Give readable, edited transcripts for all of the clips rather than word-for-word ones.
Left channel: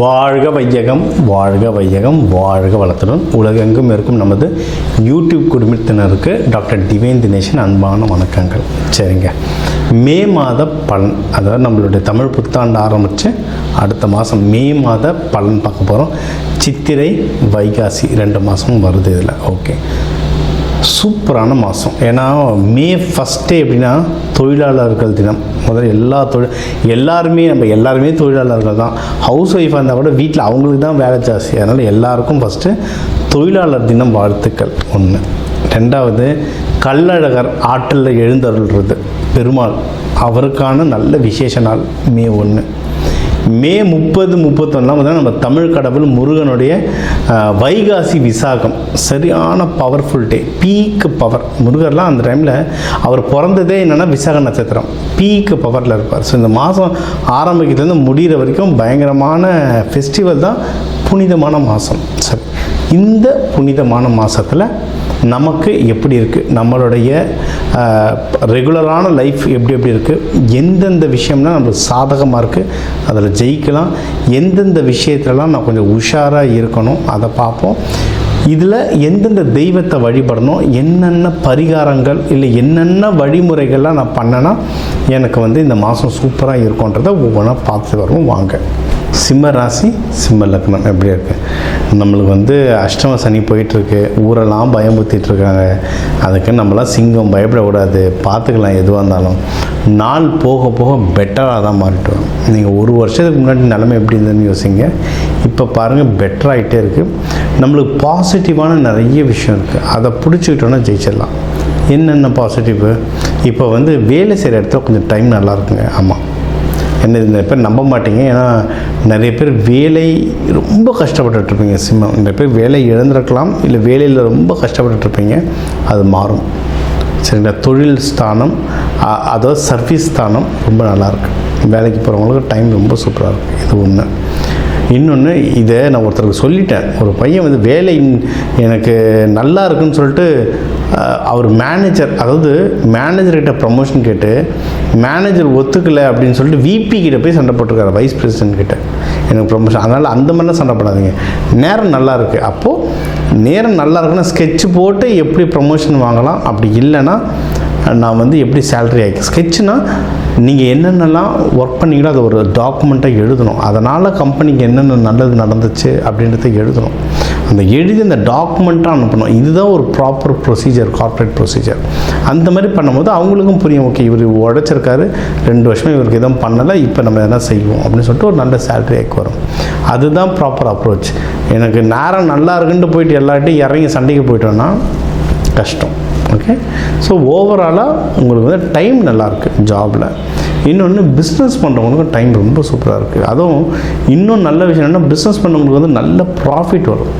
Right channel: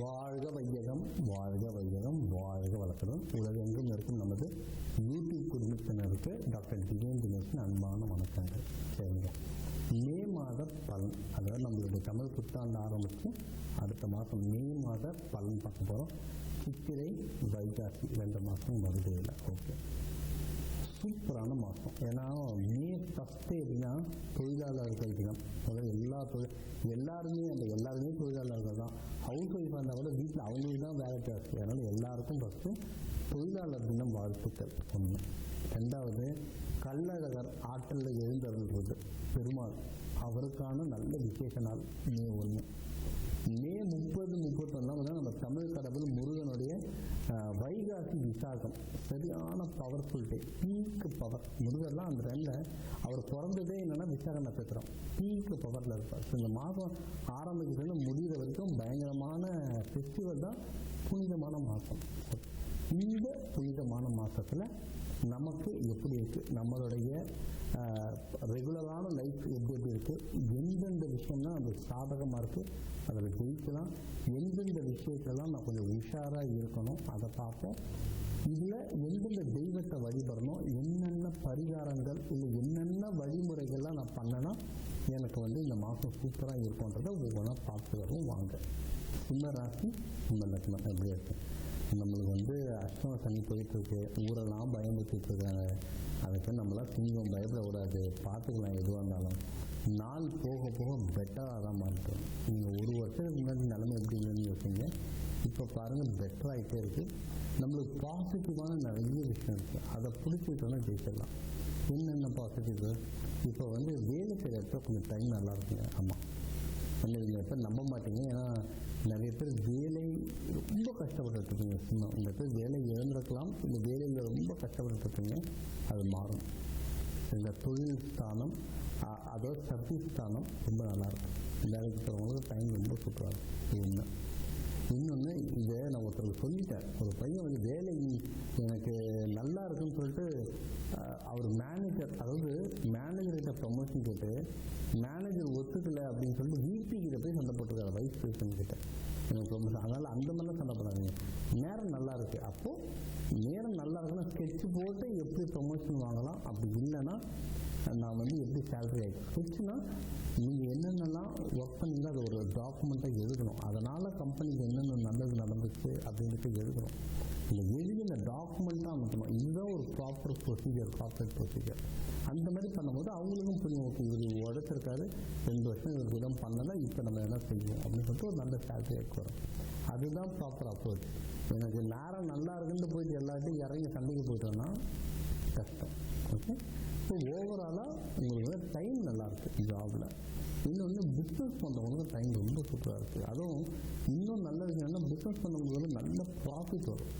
வாழ்க வையகம், வாழ்க வையகம், வாழ்க வளத்துடன் உலகெங்கும் இருக்கும் நமது யூடியூப் குடும்பத்தினருக்கு டாக்டர் டிவைன் தினேஷன் அன்பான வணக்கங்கள். சரிங்க, மே மாத பலன், அதாவது நம்மளுடைய தமிழ் புத்தாண்டு ஆரம்பித்து அடுத்த மாதம் மே மாத பலன் பார்க்க போகிறோம். சித்திரை வைகாசி 2 மாதமும் வருது இதில். ஓகே, சூப்பரான மாதம். ஏன்னா மே ஃபஸ்ட்டே எப்படின்னா தொழிலாளர்கள் தினம். முதல்ல எல்லாருமே தொழிலாளர்கள் தான். ஹவுஸ் ஒய்ஃபாக இருந்தால் கூட வீட்டில் அவங்களுக்கு தான் வேலை ஜாஸ்தி. அதனால் எல்லாருக்கும் ஃபஸ்ட்டு தொழிலாளர் தினம் வாழ்த்துக்கள் ஒன்று. ரெண்டாவது, கள்ளழகர் ஆற்றில் எழுந்தருள்றது பெருமாள், அவருக்கான நல்ல விசேஷ நாள் மே 1. மே 30, 31 நம்ம தமிழ் கடவுள் முருகனுடைய வைகாசி விசாகம், சரியான பவர்ஃபுல் டே, பீக் பவர். முருகர்லாம் அந்த டைமில் அவர் பிறந்ததே என்னென்னா விசாக நட்சத்திரம், பீக் பவரில் இருப்பார். ஸோ இந்த மாதம் ஆரம்பிக்கிறதுலேருந்து முடிகிற வரைக்கும் பயங்கரமான ஃபெஸ்டிவல் தான், புனிதமான மாதம். சரி, இந்த புனிதமான மாதத்தில் நமக்கு எப்படி இருக்குது, நம்மளுடைய ரெகுலரான லைஃப் எப்படி இருக்குது, எந்தெந்த விஷயம்னா நம்மளுக்கு சாதகமாக இருக்குது, அதில் ஜெயிக்கலாம், எந்தெந்த விஷயத்துலலாம் நான் கொஞ்சம் உஷாராக இருக்கணும் அதை பார்ப்போம். இதில் எந்தெந்த தெய்வத்தை வழிபடணும், என்னென்ன பரிகாரங்கள் இல்லை என்னென்ன வழிமுறைகள்லாம் நான் பண்ணேன்னா எனக்கு இந்த மாதம் சூப்பராக இருக்கும்ன்றதை ஒவ்வொன்றா பார்த்து வருவோம். வாங்க. சிம்ம ராசி, சிம்ம லக்னம் எப்படி இருக்குது? நம்மளுக்கு அஷ்டம சனி போயிட்டுருக்கு, ஊரெல்லாம் பயமுறுத்திட்டுருக்காங்க. அதுக்கு நம்மளாம் சிங்கம் பயப்படக்கூடாது, பார்த்துக்கலாம். எதுவாக இருந்தாலும் நாள் போக போக பெட்டராக தான் மாறிட்டு வரும். நீங்கள் ஒரு வருஷத்துக்கு முன்னாடி நிலைமை எப்படி இருந்ததுன்னு யோசிங்க, இப்போ பாருங்கள் பெட்டராகிட்டே இருக்குது. நம்மளுக்கு பாசிட்டிவான நிறைய விஷயம் இருக்குது, அதை பிடிச்சிக்கிட்டோன்னா ஜெயிச்சிடலாம். என்னென்ன பாசிட்டிவு? இப்போ வேலை செய்கிற இடத்துல கொஞ்சம் டைம் நல்லா இருக்குங்க. ஆமாம், என்ன நிறைய பேர் நம்ப மாட்டீங்க, ஏன்னா நிறைய பேர் வேலை ரொம்ப கஷ்டப்பட்டுருப்பீங்க. சிம்மம் நிறைய பேர் வேலை இழந்திருக்கலாம், இல்லை வேலையில் ரொம்ப கஷ்டப்பட்டுருப்பீங்க. அது மாறும். சரிங்களா? தொழில் ஸ்தானம், அதாவது சர்வீஸ் ஸ்தானம் ரொம்ப நல்லாயிருக்கு. வேலைக்கு போகிறவங்களுக்கு டைம் ரொம்ப சூப்பராக இருக்குது. இது ஒன்று. இன்னொன்று, இதை நான் ஒருத்தருக்கு சொல்லிட்டேன். ஒரு பையன் வேலை எனக்கு நல்லா இருக்குன்னு சொல்லிட்டு அவர் மேனேஜர், அதாவது மேனேஜர்கிட்ட ப்ரமோஷன் கேட்டு மேனேஜர் ஒத்துக்கலை அப்படின்னு சொல்லிட்டு விபி கிட்ட போய் சண்டை போட்டிருக்காரு, வைஸ் பிரசிடென்ட் கிட்ட, எனக்கு ப்ரமோஷன். அதனால் அந்த மாதிரிலாம் சண்டை போடாதீங்க. நேரம் நல்லா இருக்குது, அப்போது நேரம் நல்லா இருக்குன்னா ஸ்கெட்ச் போட்டு எப்படி ப்ரமோஷன் வாங்கலாம், அப்படி இல்லைன்னா நான் எப்படி சேலரி ஆகி ஸ்கெட்சுனால் நீங்கள் என்னென்னலாம் ஒர்க் பண்ணிங்களோ அதை ஒரு டாக்குமெண்ட்டாக எழுதணும். அதனால் கம்பெனிக்கு என்னென்ன நல்லது நடந்துச்சு அப்படின்றத எழுதணும். அந்த எழுதி அந்த டாக்குமெண்ட்டாக அனுப்பணும். இதுதான் ஒரு ப்ராப்பர் ப்ரொசீஜர், கார்ப்பரேட் ப்ரொசீஜர். அந்த மாதிரி பண்ணும்போது அவங்களுக்கும் புரியும், ஓகே இவர் உழைச்சிருக்காரு, 2 வருஷமாக இவருக்கு எதுவும் பண்ணலை, இப்போ நம்ம எதனா செய்வோம் அப்படின்னு சொல்லிட்டு ஒரு நல்ல சேலரி ஆகி வரும். அதுதான் ப்ராப்பர் அப்ரோச். எனக்கு நேரம் நல்லா இருக்குன்ட்டு போயிட்டு எல்லார்ட்டையும் இறங்கி சண்டைக்கு போயிட்டோன்னா கஷ்டம். ஓகே, ஸோ ஓவராலாக உங்களுக்கு டைம் நல்லாயிருக்கு ஜாபில். இன்னொன்று, பிஸ்னஸ் பண்ணுறவங்களுக்கு டைம் ரொம்ப சூப்பராக இருக்குது. அதுவும் இன்னும் நல்ல விஷயம் என்னென்னா, பிஸ்னஸ் பண்ணுறவங்களுக்கு நல்ல ப்ராஃபிட் வரும்,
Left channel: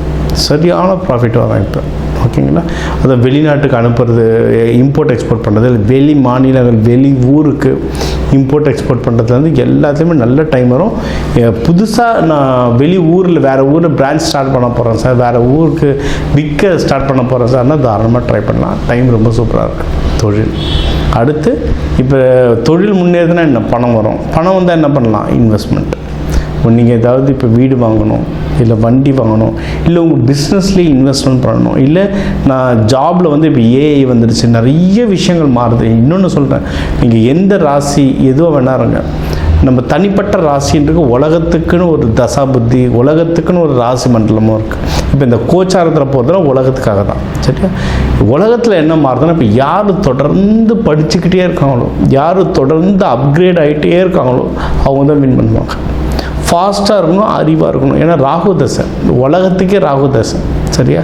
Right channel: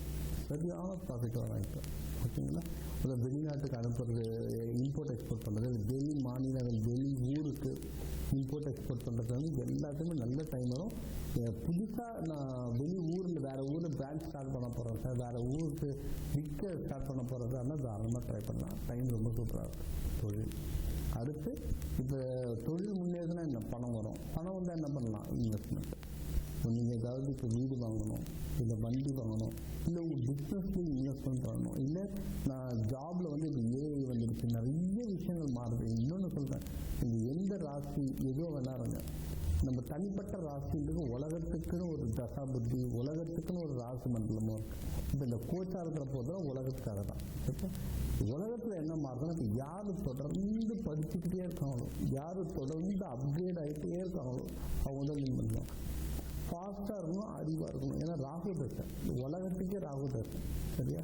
சரியான ப்ராஃபிட் வரும் இப்போ. ஓகேங்களா? அதை வெளிநாட்டுக்கு அனுப்புறது, இம்போர்ட் எக்ஸ்போர்ட் பண்ணுறது, வெளி மாநிலங்கள் வெளி ஊருக்கு இம்போர்ட் எக்ஸ்போர்ட் பண்ணுறதுலேருந்து எல்லாத்துலேயுமே நல்ல டைம் வரும். புதுசாக நான் வெளி ஊரில் வேறு ஊரில் பிரான்ச் ஸ்டார்ட் பண்ண போகிறேன் சார், வேறு ஊருக்கு விற்க ஸ்டார்ட் பண்ண போகிறேன் சார்னா தாராளமாக ட்ரை பண்ணலாம். டைம் ரொம்ப சூப்பராக இருக்குது. தொழில் அடுத்து, இப்போ தொழில் முன்னேறுதுன்னா என்ன, பணம் வரும். பணம் வந்தால் என்ன பண்ணலாம்? இன்வெஸ்ட்மெண்ட். நீங்கள் ஏதாவது இப்போ வீடு வாங்கணும், இல்லை வண்டி வாங்கணும், இல்லை உங்கள் பிஸ்னஸ்லேயே இன்வெஸ்ட்மெண்ட் பண்ணணும், இல்லை நான் ஜாபில் இப்போ ஏஐ வந்துடுச்சு, நிறைய விஷயங்கள் மாறுது. இன்னொன்று சொல்கிறேன், நீங்கள் எந்த ராசி எதுவாக வேணாருங்க, நம்ம தனிப்பட்ட ராசின்றது உலகத்துக்குன்னு ஒரு தசா புத்தி, உலகத்துக்குன்னு ஒரு ராசி மண்டலமும் இருக்குது. இப்போ இந்த கோச்சாரத்தில் போகிறதுனா உலகத்துக்காக தான். சரியா? உலகத்தில் என்ன மாறுதுன்னா, இப்போ யார் தொடர்ந்து படிச்சுக்கிட்டே இருக்காங்களோ, யார் தொடர்ந்து அப்கிரேட் ஆகிட்டே இருக்காங்களோ அவங்க தான் வின் பண்ணுவாங்க. ஃபாஸ்ட்டாக இருக்கணும், அறிவாக இருக்கணும். ஏன்னா ராகு தசை, உலகத்துக்கே ராகு தசை. சரியா?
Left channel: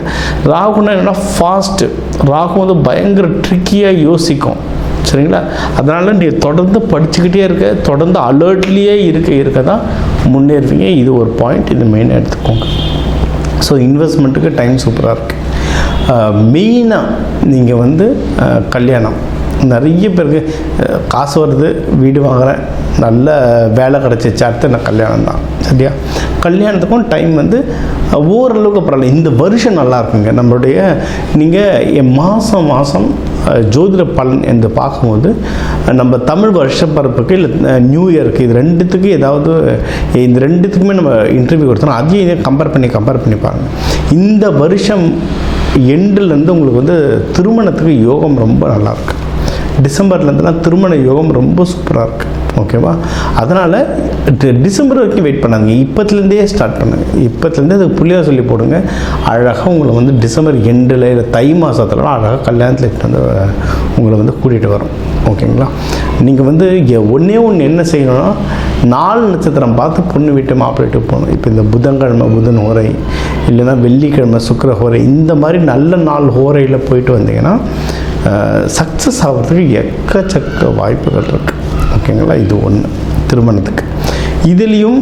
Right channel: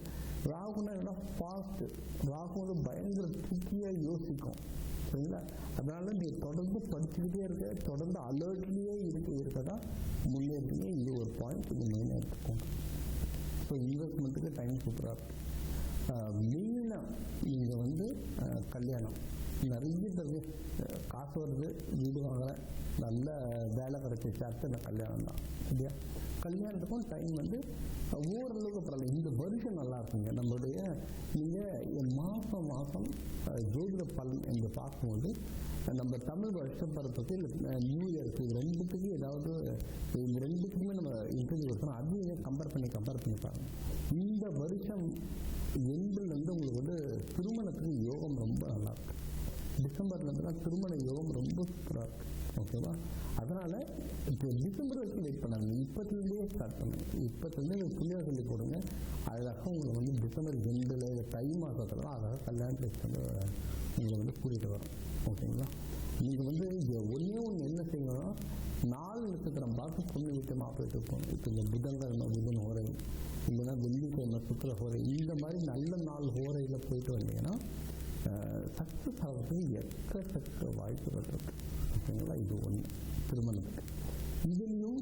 ராகுன்னா என்னென்னா ஃபாஸ்ட்டு. ராகு பயங்கர ட்ரிக்கியாக யோசிக்கும். சரிங்களா? அதனால் நீங்கள் தொடர்ந்து படிச்சுக்கிட்டே இருக்க, தொடர்ந்து அலர்ட்லேயே இருக்க தான் முன்னேறுவீங்க. இது ஒரு பாயிண்ட், இது மெயினாக எடுத்துக்கோங்க. ஸோ இன்வெஸ்ட்மெண்ட்டுக்கு டைம் சூப்பராக இருக்குது. மெயினாக நீங்கள் கல்யாணம், நிறைய பேருக்கு காசு வருது, வீடு வாங்குகிறேன், நல்ல வேலை கிடச்சிச்சு, அடுத்து நான் கல்யாணம் தான். சரியா? கல்யாணத்துக்கும் டைம் வந்து ஓரளவுக்கு பரவாயில்ல. இந்த வருஷம் நல்லா இருக்குங்க. நம்மளுடைய நீங்கள் மாதம் ஜோதிட பலன் என்று பார்க்கும்போது நம்ம தமிழ் வருஷப்பரப்புக்கு இல்லை நியூ இயருக்கு இது ரெண்டுத்துக்கு ஏதாவது இந்த ரெண்டுத்துக்குமே நம்ம இன்டர்வியூ கொடுத்தோம். அதையும் இதை கம்பேர் பண்ணி பாருங்கள். இந்த வருஷம் எண்டுலேருந்து உங்களுக்கு வந்து திருமணத்துக்கு யோகம் ரொம்ப நல்லாயிருக்கு. டிசம்பர்லேருந்துலாம் திருமண யோகம் ரொம்ப சூப்பராக இருக்குது. ஓகேவா? அதனால் டிசம்பர் வரைக்கும் வெயிட் பண்ணாதீங்க, இப்போத்துலேருந்தே ஸ்டார்ட் பண்ணுங்கள். இப்போத்துலேருந்தே அதுக்கு புள்ளியாக சொல்லி போடுங்க. அழகாக உங்களை வந்து டிசம்பர் எண்டில் இல்லை தை மாதத்துலலாம் அழகாக கல்யாணத்தில் வந்து உங்களை வந்து கூட்டிகிட்டு வரும். ஓகேங்களா? நீங்கள் வந்து ஒன்றே ஒன்று என்ன செய்யணும்னா, 4 நட்சத்திரம் பார்த்து பொண்ணு வீட்டு மாப்பிள்ளை வீட்டுக்கு போகணும். இப்போ இந்த புதன்கிழமை புதன் ஹோரை, இல்லைன்னா வெள்ளிக்கிழமை சுக்கிர ஹோரை, இந்த மாதிரி நல்ல 4 ஹோரையில் போயிட்டு வந்தீங்கன்னா சக்ஸஸ் ஆகிறதுக்கு எக்கச்சக்க வாய்ப்புகள் இருக்குது. ஓகேங்களா? இது ஒன்று திருமணத்துக்கு. இதுலேயும்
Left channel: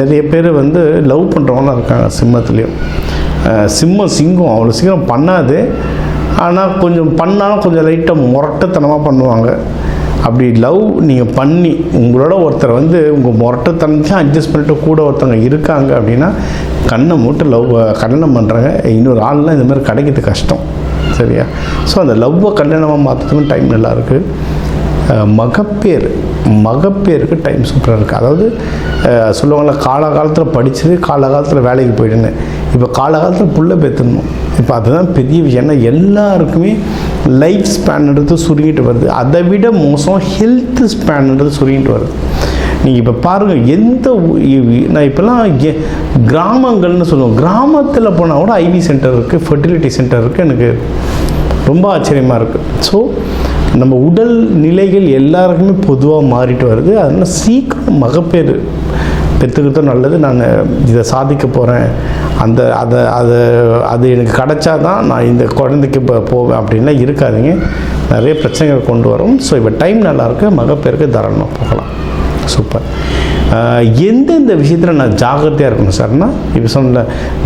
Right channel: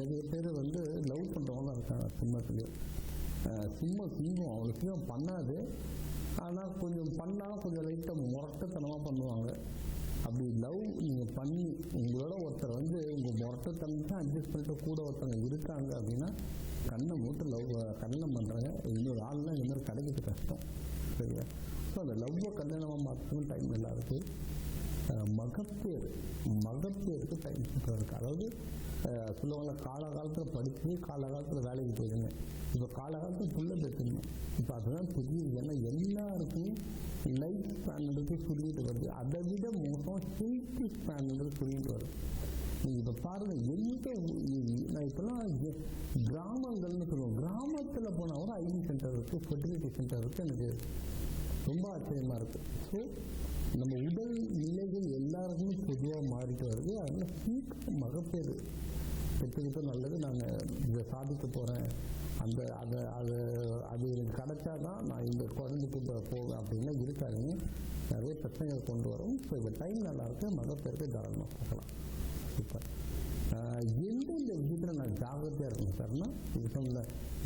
நிறைய பேர் வந்து லவ் பண்ணுறவங்களாம் இருக்காங்க. சிம்மத்துலேயும் சிங்கம் அவ்வளோ சீக்கிரம் பண்ணாது, ஆனால் கொஞ்சம் பண்ணாலும் கொஞ்சம் லைட்டாக முரட்டத்தனமாக பண்ணுவாங்க. அப்படி லவ் நீங்கள் பண்ணி உங்களோட ஒருத்தர் வந்து உங்கள் முரட்டத்தனத்தையும் அட்ஜஸ்ட் பண்ணிட்டு கூட ஒருத்தவங்க இருக்காங்க அப்படின்னா கண்ணை மூட்டு லவ் கல்யாணம் பண்ணுறாங்க. இன்னொரு ஆள்லாம் இந்த மாதிரி கிடைக்கிறது கஷ்டம். சரியா? ஸோ அந்த லவ்வை கல்யாணமாக மாற்றத்துக்கும் டைம் நல்லாயிருக்கு. மகப்பேருக்கு டைம் சூப்பராக இருக்குது. அதாவது சொல்லுவாங்கள, காலகாலத்தில் படித்தது காலகாலத்தில் வேலைக்கு போயிடுன்னு. இப்போ காலகாலத்தில் புள்ள பெற்றுடணும். இப்போ அதுதான் பெரிய விஷயம். ஏன்னா எல்லாருக்குமே லைஃப் ஸ்பேன்ன்றது சுருங்கிட்டு வருது. அதை விட மோசம் ஹெல்த் ஸ்பேன்ன்றது சுருங்கிட்டு வருது. நீங்கள் இப்போ பாருங்கள், நான் இப்போல்லாம் கிராமங்கள்னு சொல்லுவோம், கிராமத்தில் போனால் கூட ஐவி சென்டர் இருக்குது, ஃபெர்டிலிட்டி சென்டர் இருக்குது. எனக்கு ரொம்ப ஆச்சரியமாக இருக்குது. ஸோ நம்ம உடல் நிலைகள் எல்லாருக்குமே பொதுவாக மாறிட்டு வருது. அதனால் சீக்கிரம் மகப்பேறு பெற்றுக்கிட்டோம் நல்லது. நான் இதை சாதிக்க போகிறேன், அது எனக்கு கிடைச்சா தான் நான் இந்த குழந்தைக்கு இப்போ போவேன் அப்படின்லாம் இருக்காதிங்க. நிறைய பிரச்சனைகள் கொண்டு வரும். ஸோ இப்போ டைம் நல்லாயிருக்கு, மகப்பேருக்கு தாராளமாக போகலாம். சூப்பர். எந்தெந்த விஷயத்தில் நான் ஜாகிரதையாக இருக்கணும் சார்னா, இப்போ சொன்ன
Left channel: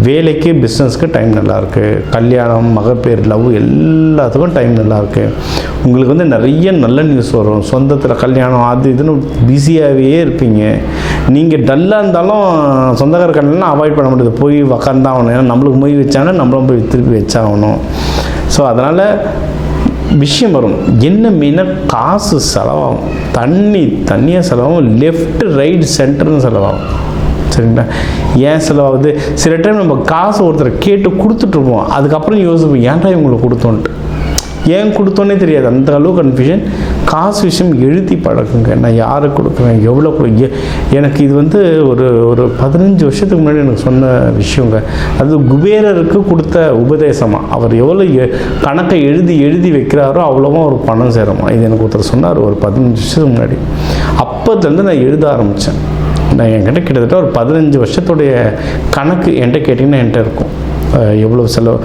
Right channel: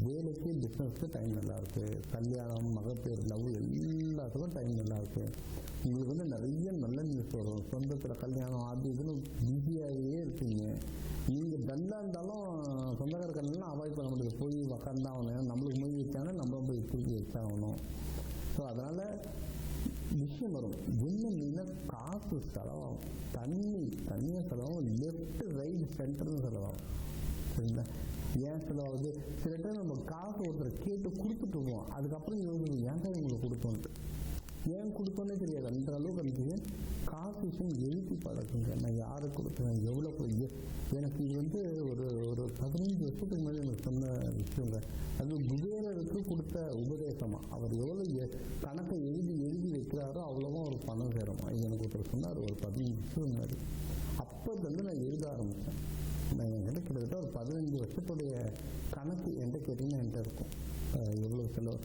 வேலைக்கு பிஸ்னஸ்க்கு டைம் நல்லாயிருக்கு, கல்யாணம் மகப்பேறு லவ் எல்லாத்துக்கும் டைம் நல்லாயிருக்கு. உங்களுக்கு வந்து நிறைய நல்ல நியூஸ் வரும். சொந்தத்தில் கல்யாணம் அது இதுன்னு பிஸியாகவே இருப்பீங்க. நீங்கள் டல்லாக இருந்தாலும் சொந்தக்கார கல்யாணம்லாம் அவாய்ட் பண்ண முடியாது, போய் உக்காந்தாகணும். ஏன்னா நம்மளுக்கு மொய் வச்சாங்கன்னா நம்மளும் போய் திருப்பி வச்சாகணும். ஸோ அதனால் விஷயம் வரும். என்ன மெயினாக காசு செலவாகும், தண்ணியாக செலவாகும், லெஃப்ட் ரைட் சென்டர்னு செலவாகும். சரிங்களா? ஏன் செலவாகுது? சில டைம் நம்ம காசு ஒருத்தரை கேட்டு கொடுத்துட்ருப்போம், அதுக்கப்புறம் யோசிப்போம் ஏன்டா இவங்களை கொடுத்தோன்ட்டு. ஏன் கொடுத்தோன்னே தெரியாது, அந்த அளவு கன்ஃபியூஷன். காசு விஷயம் எழுதி பழக்குங்க. நான் யாருக்கு கொடுக்குறேன், எவ்வளோ எனக்கு இது வந்து ஒரு 15 வருஷத்துக்கு முன்னாடி எனக்கு சொன்ன விஷயங்க. அது குபேரருக்கு கொடுத்த உபதேசமாக. அவர் எவ்வளோ கணக்கை எழுதி வைக்கிறாரோ அவ்வளோவா ஒரு பணம் சேருமா. இது எனக்கு ஒருத்தர் சொன்னார் ஒரு 15 வருஷத்துக்கு முன்னாடி. அப்போதுலேருந்து நான் எழுத ஆரம்பித்தேன். நான் என்கிட்ட கிட்டத்தட்ட ஒரு 15 வருஷத்துடைய கணக்கு என்கிட்ட கேட்டிங்கன்னா என்கிட்ட இருக்கும். எவ்வளோ செலவு,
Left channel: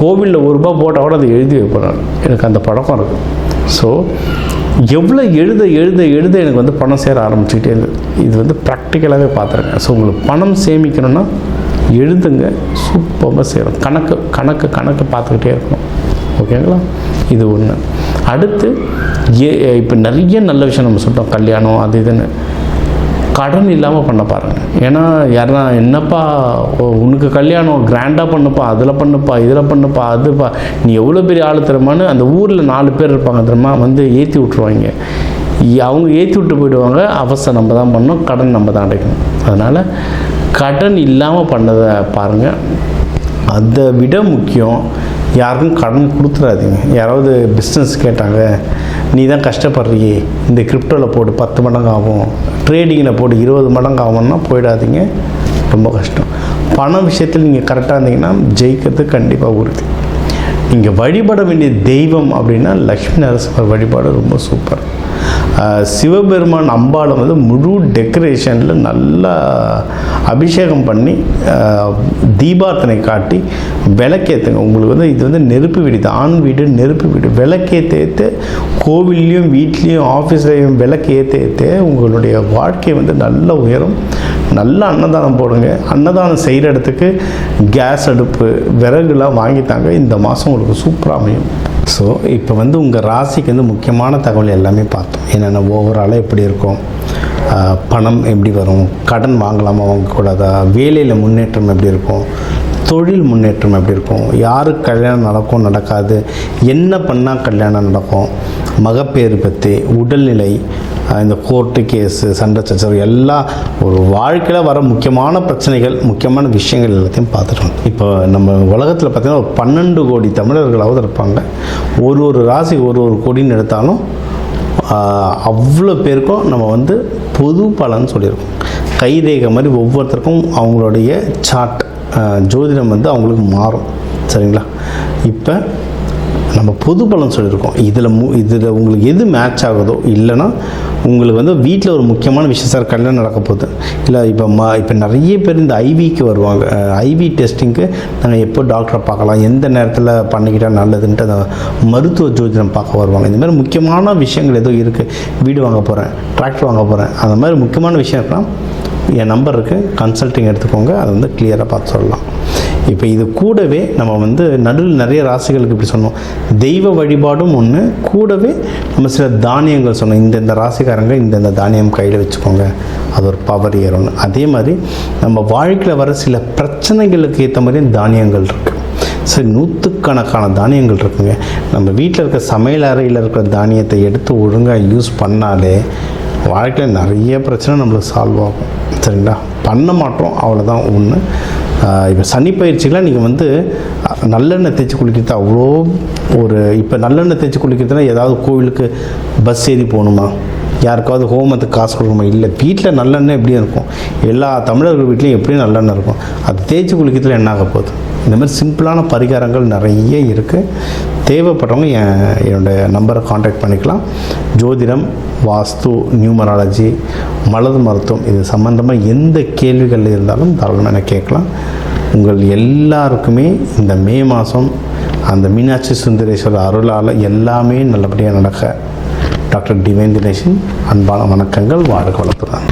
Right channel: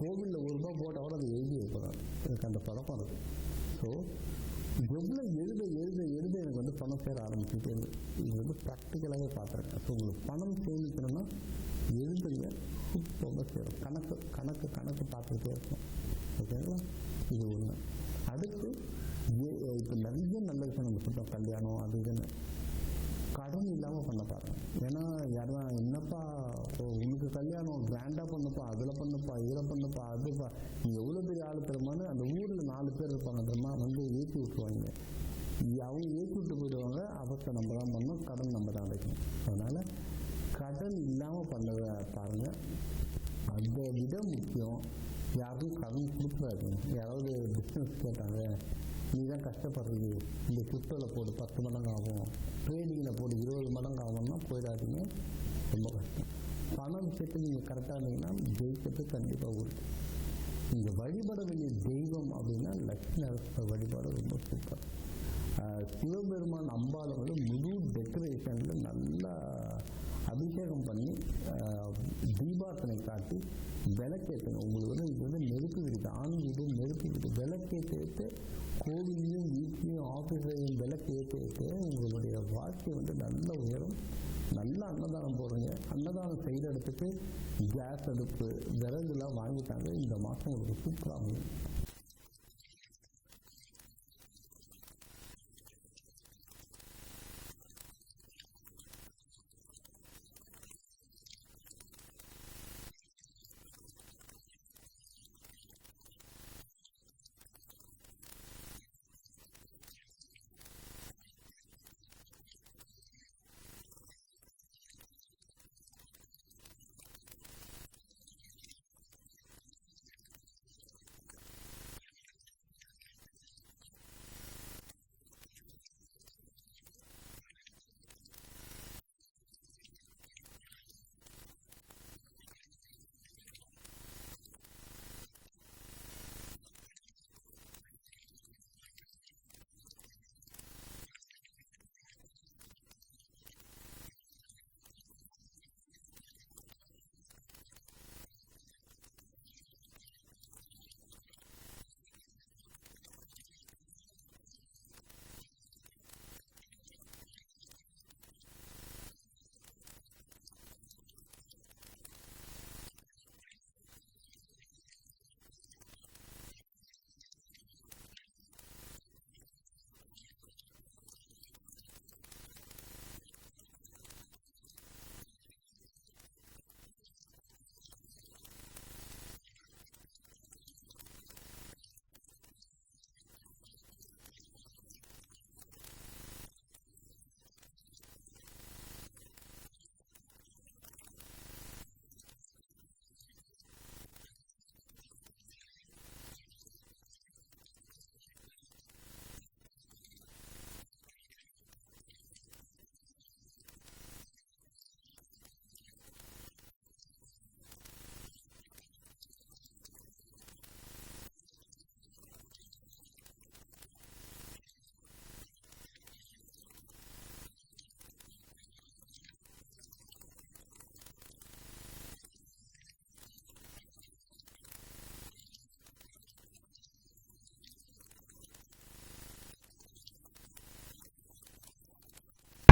கோவிலில் ₹1 போட்டால் கூட அதை எழுதி வைப்பேன். எனக்கு அந்த பழக்கம் இருக்குது. ஸோ எவ்வளோ எழுத எனக்கு வந்து பணம் சேர ஆரம்பிச்சுக்கிட்டே இருந்தது. இது வந்து ப்ராக்டிக்கலாகவே பார்த்துருங்க. ஸோ உங்களுக்கு பணம் சேமிக்கணும்னா எழுதுங்க, சூப்பராக சேரும். கணக்கு பார்த்துக்கிட்டே இருக்கணும். ஓகேங்களா? இது ஒன்று. அடுத்து இப்போ நிறைய நல்ல விஷயம் நம்ம சொல்லிட்டோம், கல்யாணம் அது இதுன்னு. கடன் இல்லாமல் பண்ண பாருங்கள். ஏன்னா யாருன்னா என்னப்பா உனக்கு கல்யாணம் கிராண்டாக பண்ணுப்பா, அதில் பண்ணுப்பா, இதில் பண்ணுப்பா, அதுப்பா, நீ எவ்வளோ பெரிய ஆள் தருமான்னு அந்த ஊரில் 4 பேர் இருப்பாங்க தெரியுமா, வந்து ஏற்றி விட்ருவாங்க. அவங்க ஏற்றி விட்டு போயிடுவாங்க. அவசரம் நம்ம தான் பண்ணணும், கடன் நம்ம தான் அடைக்கணும். அதனால் கடன் இல்லாமல் பண்ணதை பாருங்கள். அதை விட முக்கியம், யாருக்கும் கடன் கொடுத்துடாதீங்க. யாராவது பிஸ்னஸ் கேட்டாங்க, நீ தான் கஷ்டப்படுறியே, இந்த கிரிப்டோவில் போட்டு 10 மடங்கு ஆகும், ட்ரேடிங்கில் போட்டு 20 மடங்கு ஆகும்னா போயிடாதீங்க. ரொம்ப கஷ்டம். பண விஷயத்தில் நீங்கள் கரெக்டாக இருந்தீங்கன்னா ஜெயிக்கிறது கண்டிப்பாக உறுதி. நீங்கள் வழிபட வேண்டிய தெய்வம் அப்படின்னா லக்ஷ்மி நரசிம்மர் வழிபாடு ரொம்ப சூப்பர். சிவபெருமான் அம்பாளை வந்து முழு டெக்கரேஷனில் நல்லா அபிஷேகம் பண்ணி தீபார்த்தனை காட்டி விளக்கேற்றுங்க. உங்களுக்கு வந்து இது வந்து நெருப்பு வீடு, ஆண் வீடு நெருப்பு வீடு. விளக்கேற்ற கோவில்லையும் வீட்லேயும் ஆஃபீஸ்லேயும் விளக்கேற்ற உங்களுடைய வாழ்க்கை வந்து நல்ல உயரும். நல்ல அன்னதானம் போடுங்க. அன்னதானம் செய்கிற இடத்துக்கு கேஸ் அடுப்பு விறகுலாம் வாங்கித்தாங்க. இந்த மாதம் உங்களுக்கு சூப்பராக அமையும். ஸோ இப்போ வந்து உங்கள் ராசிக்கு வந்து முக்கியமான தகவல் எல்லாமே பார்த்தோம். என்னென்ன ஓவராலாக எப்படி இருக்கும், பணம் எப்படி வரும், கடன் வாங்கலாமா வாங்கக்கூடாதா, வேலையில் முன்னேற்றம் எப்படி இருக்கும், தொழில் முன்னேற்றம் எப்படி இருக்கும், யாருக்கு கல்யாணம் நடக்கும் நடக்காது, என்ன பண்ணால் கல்யாணம் நடக்கும், மகப்பேறு பற்றி, உடல்நிலை, இந்த கோர்ட்டு கேஸு, சண்டை சச்சரவு எல்லாம் ஒரு வாழ்க்கையில் வர முக்கியமான பிரச்சனைகள், முக்கியமான விஷயங்கள் எல்லாத்தையும் பார்த்துட்டோம். இப்போ நம்ம உலகத்தில் பார்த்திங்கன்னா ஒரு 12 கோடி தமிழர்களாவது இருப்பாங்க. ஒரு ராசி ஒரு கோடின்னு எடுத்தாலும் அவ்வளோ பேருக்கும் நம்ம வந்து பொது பலன் சொல்லியிருக்கோம். கைரேகை மாதிரி ஒவ்வொருத்தருக்கும் அவங்களுடைய சார்ட் ஜோதிடம் வந்து அவங்களுக்கு மாறும். சரிங்களா? இப்போ நம்ம பொது பலன் சொல்லியிருக்கோம். இதில் உங்களுக்கு எது மேட்ச் ஆகுதோ, இல்லைன்னா உங்களுக்கு வந்து வீட்டில் ஒரு முக்கியமான விஷயம், சார் கல்யாணம் நடக்க போகுது, இல்லை இப்போ நிறைய பேர் இந்த ஐவிக்கு வருவாங்க. ஐவி டெஸ்டிங்க்கு நாங்கள் எப்போ டாக்டரை பார்க்கலாம், எந்த நேரத்தில் பண்ணிக்கிட்டால் நல்லதுன்ட்டு அந்த மருத்துவ ஜோதிடம் பார்க்க வருவாங்க. இந்த மாதிரி முக்கியமான விஷயங்கள் ஏதோ இருக்குது, வீடு வாங்க போகிறேன், டிராக்டர் வாங்க போகிறேன், அந்த மாதிரி முக்கியமான விஷயம் இருக்கலாம், என் நம்பர் இருக்குது, கன்சல்ட்டிங் எடுத்துக்கோங்க, அதை வந்து கிளியராக பார்த்து சொல்லலாம். இப்போ இது கூடவே நம்ம வந்து நடுவில் நிறைய ராசிகளுக்கு இப்படி சொன்னோம், தெய்வ வழிபாடும் ஒன்று, கூடவே நம்ம சில தானியங்கள் சொன்னோம். இந்த ராசிக்காரங்க இந்த தானியம் கையில் வச்சுக்கோங்க, அது ஒரு பவர் ஏறும்னு. அதே மாதிரி நம்ம வாழ்க்கையில் வர சில பிரச்சனைகளுக்கு ஏற்ற மாதிரி தானியங்கள் இருக்குது. சரி, 100கணக்கான தானியங்கள் இருக்குங்க. நம்ம வீட்டில் இருக்க சமையல் அறையில் இருக்கிற தானியத்தை எடுத்து ஒழுங்காக யூஸ் பண்ணாலே வாழ்க்கையில் நிறைய பிரச்சனை நம்மளுக்கு சால்வ் ஆகும். சரிங்களா? பண்ண மாட்டோம், அவ்வளோதான் ஒன்று. இப்போ சனி பயிற்சிகளாக நீங்கள் வந்து நல்லெண்ணெய் தேய்ச்சி குளிக்கிறது அவ்வளோ இப்போ நல்லெண்ணெய் தேய்ச்சி குளிக்கிறதுனா ஏதாவது கோவிலுக்கு பஸ் ஏறி போகணுமா, யாருக்காவது ஹோமத்துக்கு காசு கொடுக்கணுமா? இல்லை, வீட்டில் நல்லெண்ணெய் எப்படியும் இருக்கும், எல்லா தமிழர்கள் வீட்லேயும் எப்படியும் நல்லெண்ணெய் இருக்கும். அது தேய்ச்சி குளிக்கிறதுல என்ன ஆக போகுது? இந்த மாதிரி சிம்பிளான பரிகாரங்கள் நிறைய இருக்குது. தேவைப்படுறவங்க என்னோடய நம்பரை காண்டாக்ட் பண்ணிக்கலாம். ஜோதிடம், வாஸ்து, நியூமராலஜி, மலர் மருத்துவம், இது சம்மந்தமாக எந்த கேள்விகள் இருந்தாலும் தாராளமாக எனக்கு கேட்கலாம். உங்கள் எல்லாருக்குமே இந்த மே மாதம் அந்த மீனாட்சி சுந்தரேஸ்வரர் அருளால் எல்லாமே நல்லபடியாக நடக்க டாக்டர் டிவைன் தினேஷன் அன்பான வணக்கங்கள். வாழ்க வளத்துடன்.